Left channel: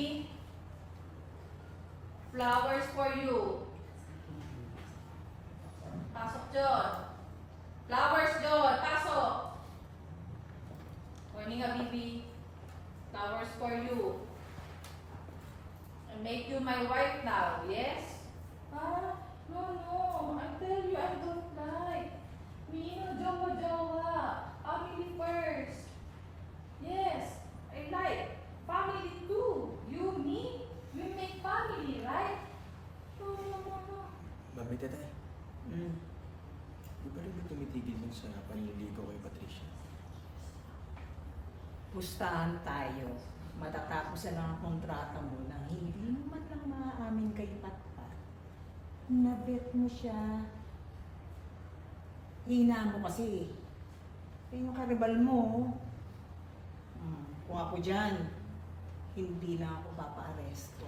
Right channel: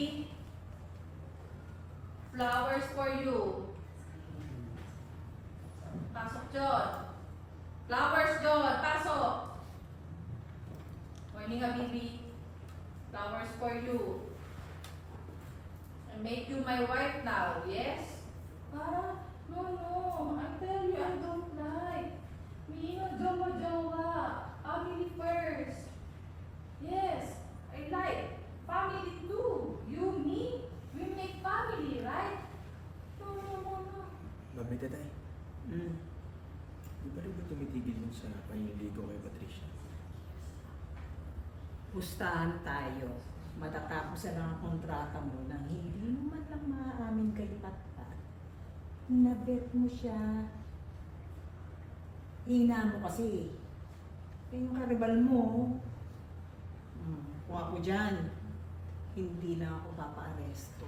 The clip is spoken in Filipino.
baby. Flowers for you. Pasok John. Flowers John. Pasok. Morning baby. Flowers for you. I make you my wife now, yes? Ah, no. I tell you I don't like. Me no jowa. Family first. Yes, I like. Family too. You, me, you make family, right? No. Babe, tatay. Di ba rin ba tumitigil yun sa panliligaw kay Patricia? Pustahan tayo. Matatapos na lang ang kontrata mo nang hindi mo man lang maaamin kay Patpat. Nabet mo siya. Hina mo kasi. Yung karibal mo. Kung ako dyan, hindi na ako papa-aresto.